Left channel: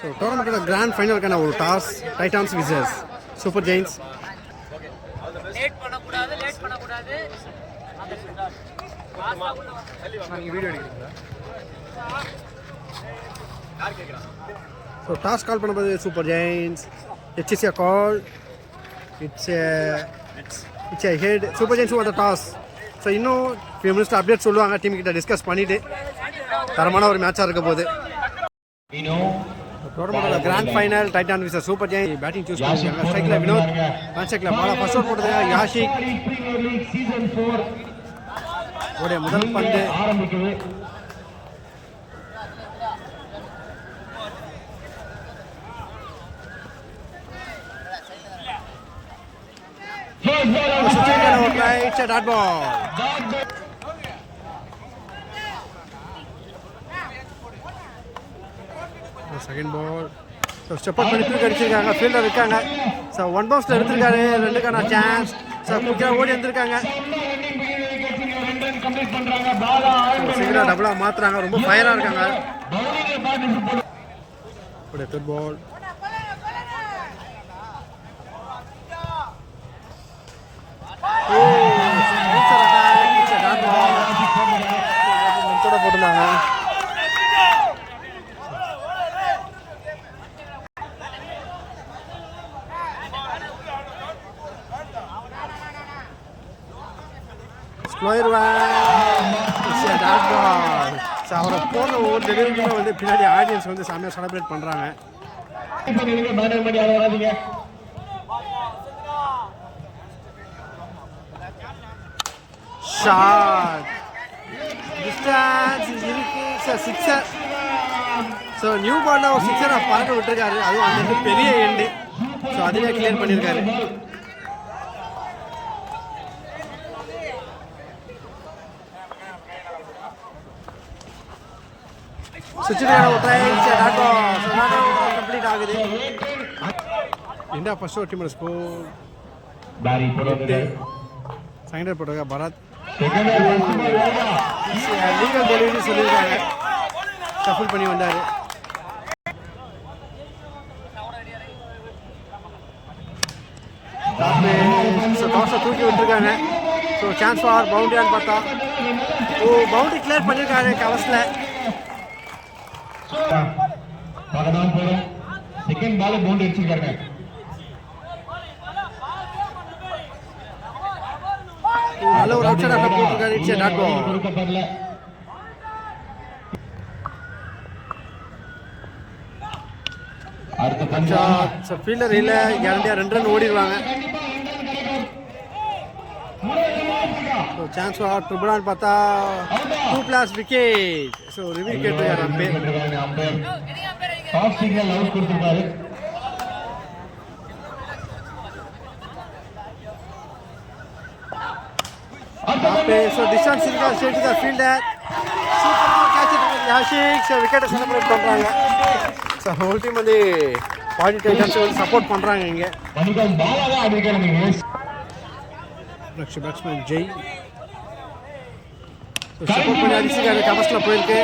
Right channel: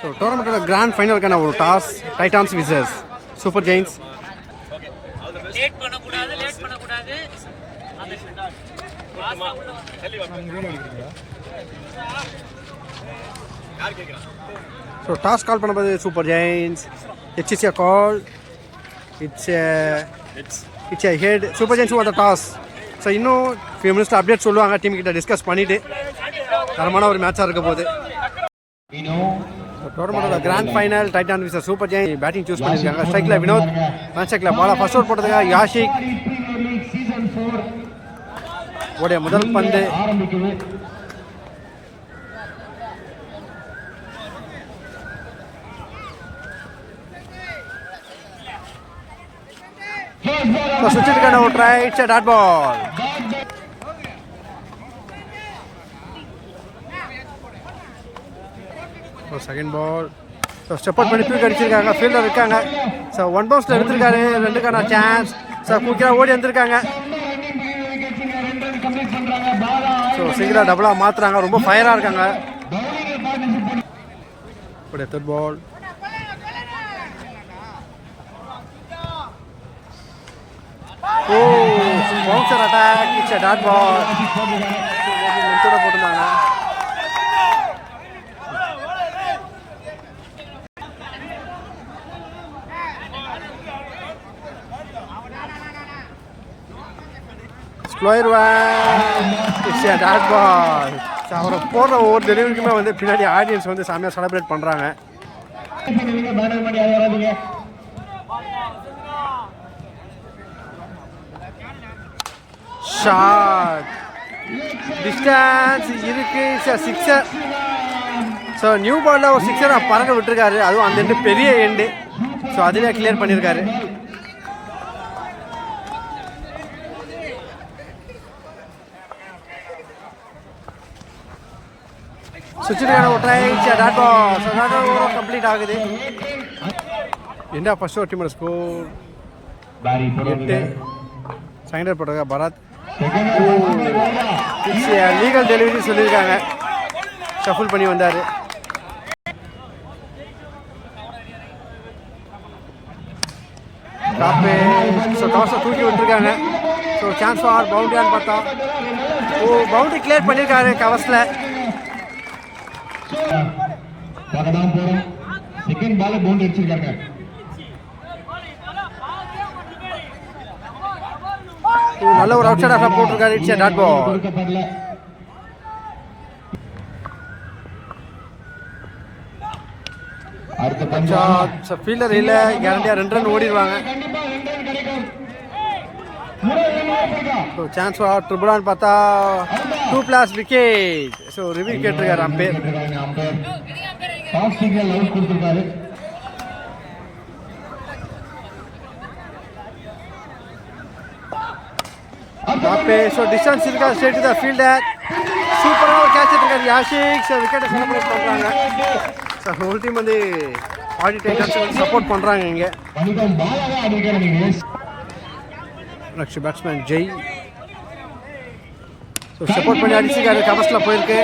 So டோர்னமெண்ட்டோட grand ஃபைனலுக்கான ஒரு toss titans versus super giants. So toss call பண்ணும்போது super giants. It's a call. It's a head. Super giants won the toss. So இன்னும் few minutes update சொல்லுவாங்க. Team கிட்ட discuss பண்ணிவிட்டு தரமான ஒரு மேட்சாக இருக்க போகுது. டோர்னமெண்டோட grand final titan versus super giants. Batting choose பண்ணியிருக்காங்க. ஸ்ட்ரைக்கில் வினோத், மேட்ச் ஸ்ட்ரைக்கில் பாலா ஃபர்ஸ்ட் ஓவர் போட்டதுங்க யாஷிக். ஓடைய முதல் பந்து சுற்றிருக்கான ஒரு try. It's a dot ball. Second ball. So step out பண்ணி தூக்கி அடிச்சிருக்காங்க. ஃபீல்டர் இருக்காங்க. ஸோ ஒன் பவுன்ஸில் எடுத்திருக்காரு. ரெண்டுக்கான சான்ஸ். ஸோ குயிக்காக ஓடி வந்திருக்காங்க. ஸோ சிங்கிளாக டபுளாக மாற்றுறாங்க. ரொம்ப ஃபயராக இருக்காங்க. Third ball. Oh bouncer attack. It's a dot ball. போட்டுருந்தாங்க. Slower one. It's a dot ball. So அவரை போடுற ஒவ்வொரு டெலிவரிக்குமே வந்து பின்னாடி ஆடியன்ஸ் வந்து செம்மையாக செலிப்ரேட் பண்ணுறாங்க. ஷாட். டிஸ்டன்ஸ் இருக்கு. சிக்ஸர். ஸோ நியூ பாலில் ஒரு சிக்ஸரை பறக்க விட்டுருக்காரு. அதுவும் அந்த எண்டு பெரிய எண்டு. ஸோ அதிலே கிளியர் பண்ணியிருக்காரு. சுவிட்சுக்கான ஒரு try. Dot ball. So dot over complete ஆகுது. இந்தியா ஃபர்ஸ்ட் ஓவர் டீமோட ஸ்கோர் 8. செகண்ட் போட்டிருக்கா பரத். லீகல் டெலிவரி சொல்லியிருக்காங்க. ஷஃபிள் பண்ணி வந்தார். ஸோ டாஸை தூக்கி விட்டுருக்காங்க. ஸோ சான்ஸ் ஃபார் பவுண்டரியான்னு பார்த்தா பவுண்டரி கிளியர் பண்ணியிருக்காரு கவர்ஸில். செகண்ட் பால் பவுண்டரி அடிச்சிருக்காங்க. நல்ல ஒரு அவுட் சைட் ஆஃப் போட்டுருக்காரு. It's a dot ball. கொடுக்கப்படல. அடுத்த பஞ்சாப் ஃபீல்டர் இல்ல. கேரண்டியா 2 ரன் ஓடிடுவாங்க. ஸோ சான்ஸ் ஃபார் ட்ரிபிளான்னு பார்த்தா 2+ விக்கெட். ஸோ ரிவ்யூ கேட்டிருக்காரு அம்பேர். சாஃப்ட் சிக்னல் அவுட் கொடுத்திருக்காரு. ஸோ டிஸ்டன்ஸ் இருக்கா ஸ்ட்ரெயிட் டு தி ஃபீல்டர். சூப்பராக ஒரு கேட்ச் எடுத்திருக்காரு யாஷிக். ஸோ விக்கெட்டை செலிப்ரேட் பண்ணுறாங்க. ஸோ ஹோல் டீம் வந்து பாடி டைட்டன்ஸ் வந்து சப்போர்ட் பண்ணுறாங்க. இங்கே next batsman Jay. So support பண்ணி அடிச்சிருக்காரு. கவர்ஸில் போயிருக்கு.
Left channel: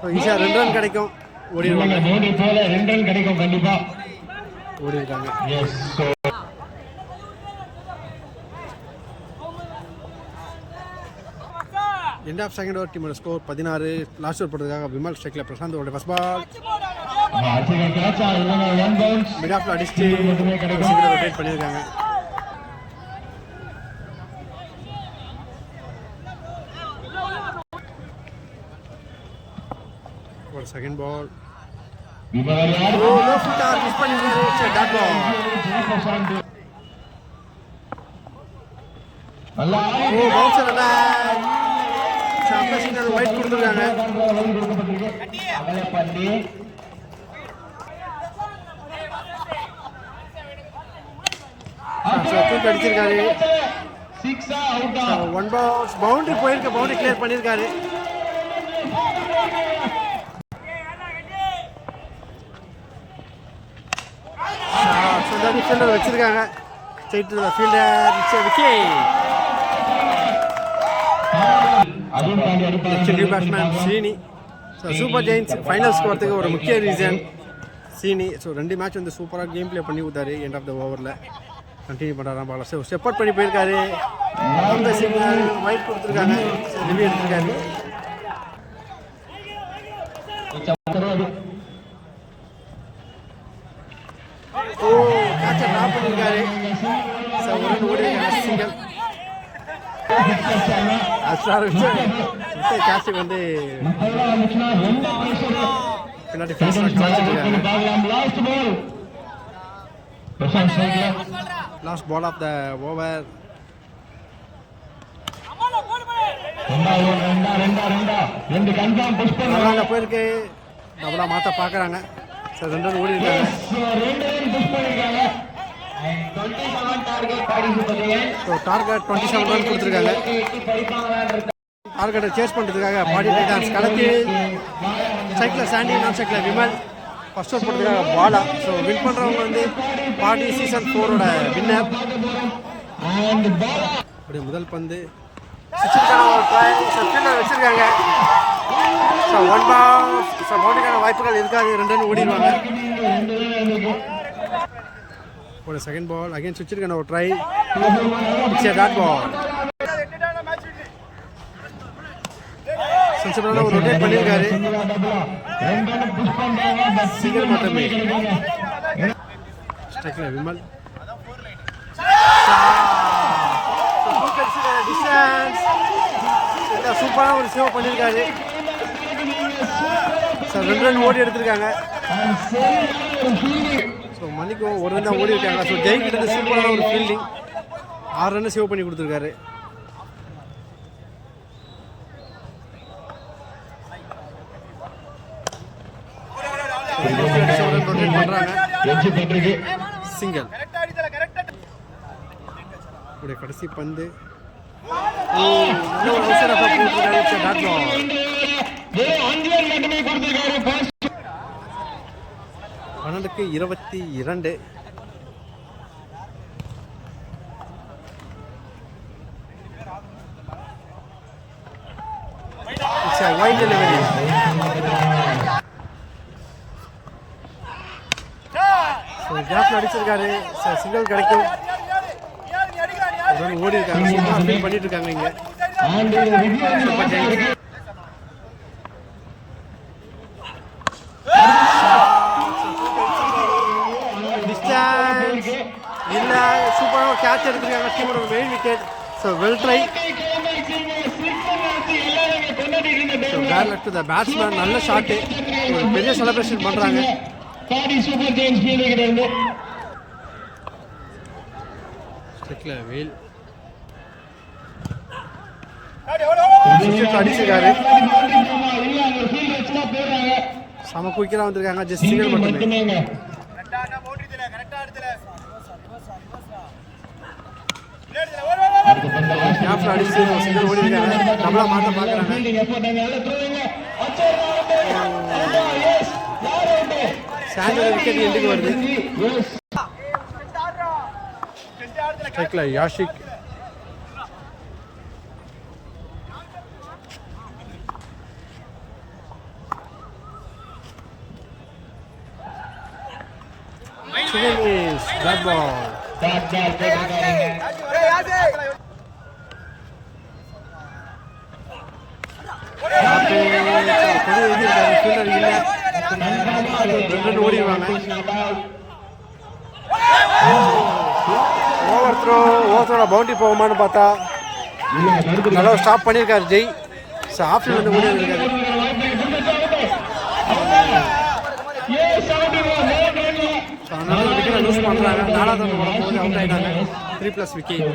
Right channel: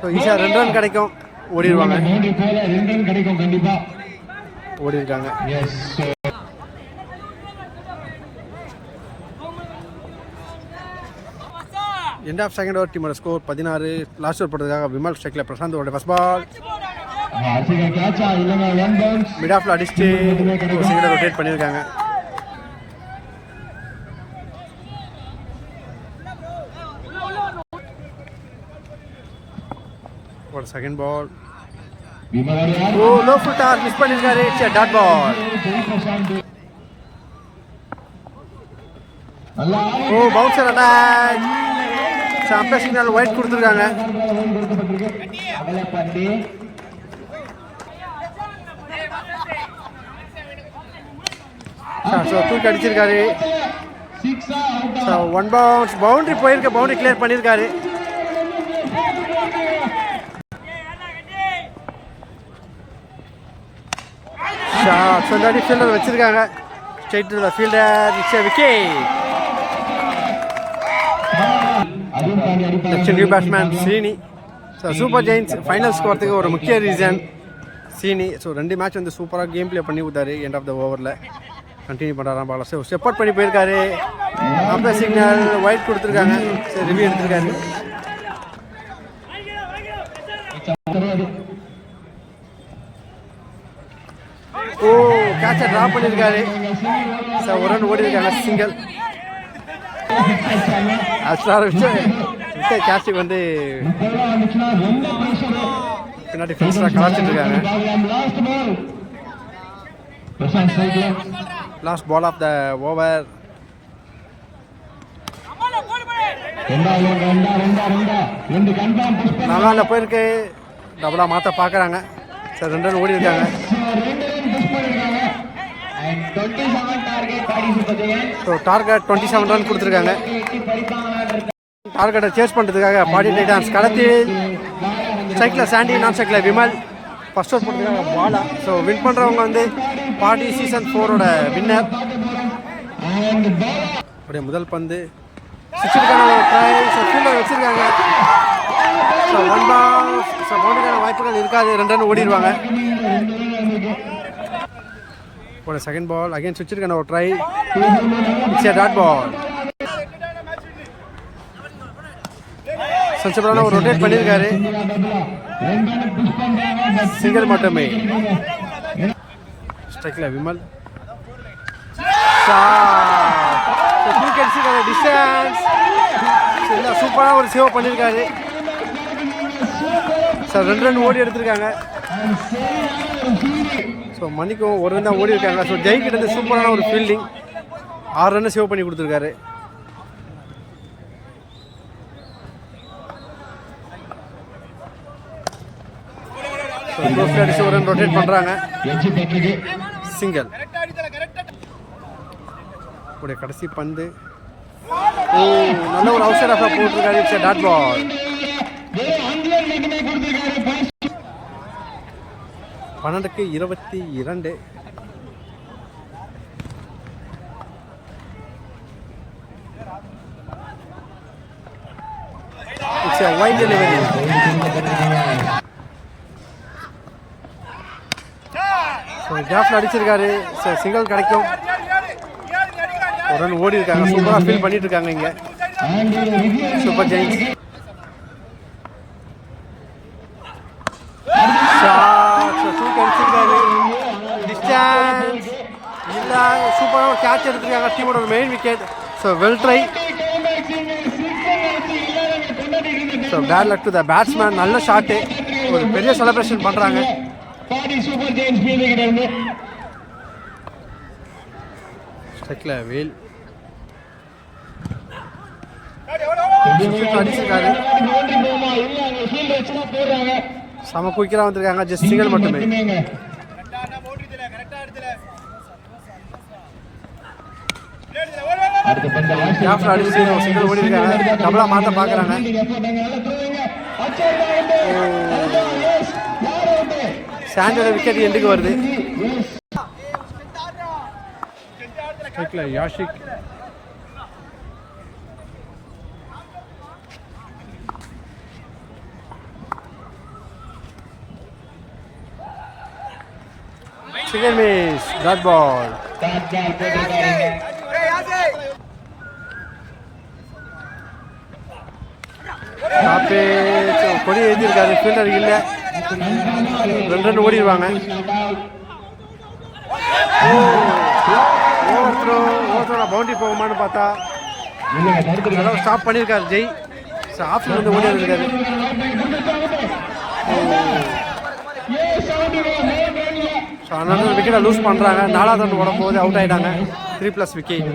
ஸோ ஈஸியாக 2 ரன் கிடைக்கும். ஓடிடுவாங்க. 2 ரன் கிடைக்கும் கண்டிப்பாக. ஓடி இருக்காங்க. எண்ட் ஆஃப் செகண்ட் ஓவர் டீமோட ஸ்கோர் 16. லாஸ்ட் ஓவர் போட்டதுக்காக விமல் ஸ்ட்ரைக்கில் பிரசாந்த் ஓட ஃபர்ஸ்ட் பால். மிட் ஆஃப்ல அடிச்சுட்டு சிங்கிளை ரொட்டேட் பண்ணியிருக்காங்க. ஒரு second ball. Low full toss miss பண்ணியிருக்காரு. It's a dot ball. Bouncer attack. Umpire signal wide கொடுத்துருக்காங்க. தூக்கி அடிச்சிருக்காரு. 1 பவுன்ஸ். பவுண்டரி போயிருக்க. பவுண்டரி கிளியர் பண்ணியிருக்காரு. ஃபீல்டர் வச்சிருக்காங்க. Straight to the fielder. It's a wicket. New batsman Sreeni. So super giants ஃபைனல்ஸ்க்கு வரதுக்கு ஒரு முக்கிய ரீசன் சீனி. ஸோ 2 மேட்ச் வந்து சூப்பராக கேம் ப்ளே பண்ணி கொடுத்தாரு. எண்ட் ஆஃப் த ஓவரில் கண்டினியூ பண்ணுறாராம் பாலா. ஸோ ஸ்டெப் அவுட் பண்ணி போயிருக்காரு. அந்த சிக்னல் ஒயிட் கொடுத்துருக்காங்க. சரி ரிவ்யூ எடுத்திருக்காரு. ஓ கேட்சை ட்ராப் பண்ணியிருக்காரு. ஸோ ஒரு ரன் ஓடி இருக்காங்க. சிங்கிள் விட்ட கேட்சுக்கு வந்து பின்னாடி ஃபென்ஸில் கலாச்சிட்டு இருக்காங்க. Last ball of the over. நல்லா போயிருக்கு. டபுளாக மாற்ற பார்க்குறாங்க. சார் 2 ரன் ஓடி இருக்காங்க. ஸோ டார்கெட் 27 ரன் கொடுத்துருக்காங்க. டார்கெட்டை சேஸ் பண்ணுறதுக்காக பாடி டைட்டான்ஸ் களத்தில் சைக்கிளில் சாண்டி, நான் சைக்கிளில் விமல் ஃபர்ஸ்ட் அவுட் போட்டதுக்காக பாலா. ஸோ வின் பண்ணுறவங்க வந்து பாடி சீசன் 4ஓட வின்னர். அப்படியே முதல் பந்து சிக்ஸுக்கான ஒரு ட்ரை. ஸோ ஃபீல்டர் வச்சுருக்காங்க. ஸோ 1 பால். ஸோ பவுண்டரிக்கான வாய்ப்புகள் இருக்காது. 2 ரன் ஓடிடுவாங்க. ஒரு செகண்ட் பால் அகைன் சுவிட்சிருக்கான ஒரு try. It's a dot ball. சஞ்சப்ரான ஒரு ரொட்டேட் பண்ணியிருக்காரு. சிங்கிள் மட்டுமே. ஸ்ட்ரைக்கில் விமல். டிஸ்டன்ஸ் இல்லை சூப்பரான ஒரு சேவ் பண்ணியிருக்காரு. சார் 2 ரன் ஓடி எடுத்திருக்காங்க. ஸோ மணிக்கும் 1 ரன் தான் ஓடி இருக்காங்க. ஸோ ஜெயிக்கிட்ட சூப்பரான ஒரு ஃபீல்டிங். 6 ரன் சேவ் பண்ணி கொடுத்துருக்காரு. ஒரு ரன் ரொட்டேட் பண்ணுறாங்க. சிங்கிள். உடைய கடைசி பந்து. ஓ நல்ல ஒரு அவுட் ஆஃப் போட்டிருக்காரு. It's a dot ball. 12க்கு 22. It's a wide delivery. So கேப்ல அடிச்சிருக்காரு. சிங்கிள் கிடைக்கும். ஒரு ரன் ஓடி இருக்காங்க. சூப்பராக ஃபீல் பண்ணிட்டு இருக்காங்க இங்கே சூப்பர் ஜெயின்ஸ். தூக்கி அடிச்சிருக்காரு. டிஸ்டன்ஸ் இல்லை. சூப்பராக ஒரு கேட்ச் எடுத்திருக்காங்க. டீமோட ஒரு main wicket. So well try. So bad luck to the batsman. நல்ல ஷாட்டு. ஒரு பெரிய செலிப்ரேஷன் பண்ணுறாங்க. வேல் அடிச்சிருக்காரு. செம குயிக்கா வந்திருக்காங்க. ஜஸ்ட் சிங்கிள் மட்டுமே. அடிச்சு சிங்கிள் ஓடி இருக்காங்க. டபுளா மாத்த பாக்குறாங்க. சாண்டோட விக்கெட் எண்டுக்கு வருது. Yashik single miss. Dot ball. கொடி எழுதியிருக்காரு. ஃபீல்டர் இல்லை. 2 ரன் ஓடிடுவாங்க. ஓவர் த்ரோல பவுண்டரி போகுமான்னு பார்த்தா நல்லா ஸ்டாப் பண்ணியிருக்காரு ஜெய். ஆப்ஷன் வந்து ஓடி இருக்காரு. அதனால விக்கெட்டை லூஸ் பண்ணுறாங்க. 4வது ரன் வரும்போது அவுட் ஆகிட்டாங்க. 3+ விக்கெட்.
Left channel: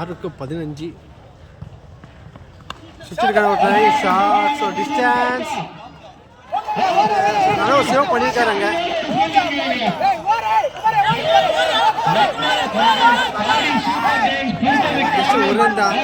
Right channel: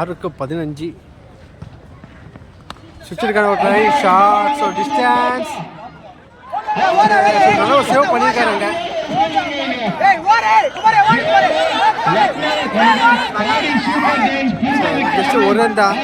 6க்கு 15. சுவிட்சிருக்கான ஒரு ட்ரை. ஷார்ட். ஸோ டிஸ்டன்ஸ் நல்லா ஒரு சேவ் பண்ணியிருக்காருங்க. ஜஸ்ட் ஒரு ரன் தான்.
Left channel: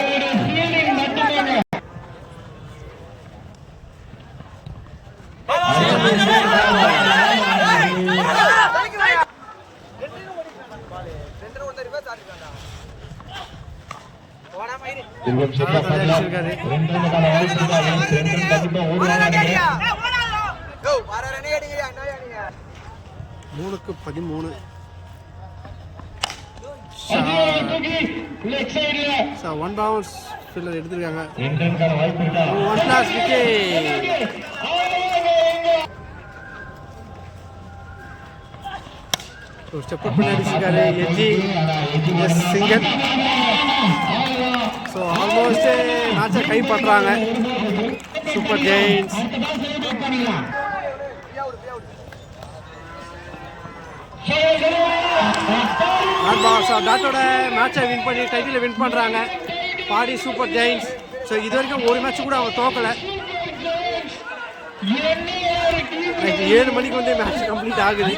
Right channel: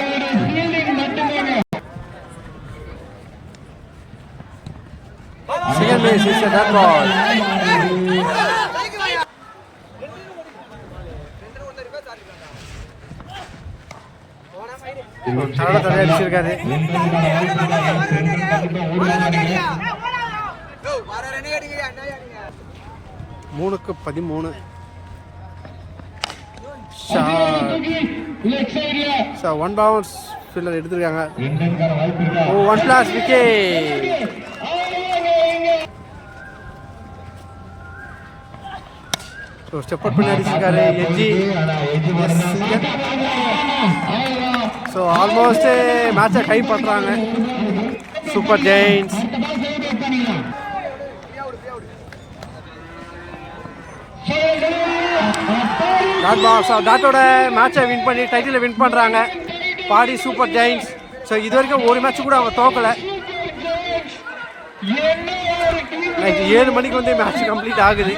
தடவை தடையாக அடிச்சிருக்காரு. 2 ரன்னுக்கான வாய்ப்பு இருக்கா? கண்டிப்பா ஓடுவாங்க. 3க்கு 13. லெஃப்ட் சைடுல 1 பவுன்ஸ் ஃபீல்டர் எடுத்திருக்காங்க. 2 ரன்னுக்கான வாய்ப்பு இருக்கா? 1 பிளாஸ் விக்கெட். ஸ்டெப் அவுட் பண்ணி அடிச்சிருக்காரு எஜ்ஜி. எஸ் சிங்கர். ஸோ ஆல்மோஸ்ட் மேட்சை கை பண்ணுறாங்க சூப்பர் ஜெயின்ஸ். டாட்டோட மேட்சை வின் பண்ணி டைட்டில் வின் பண்ணுறாங்க பாடி சூப்பர் ஜெயின்ஸ். ஸோ இது வரைக்கும் ஒரு மேட்ச் கூட அவங்க தோக்கலை. நைட்டு 7 மணிக்கு வந்து மேட்ச் கம்ப்ளீட் ஆகுது.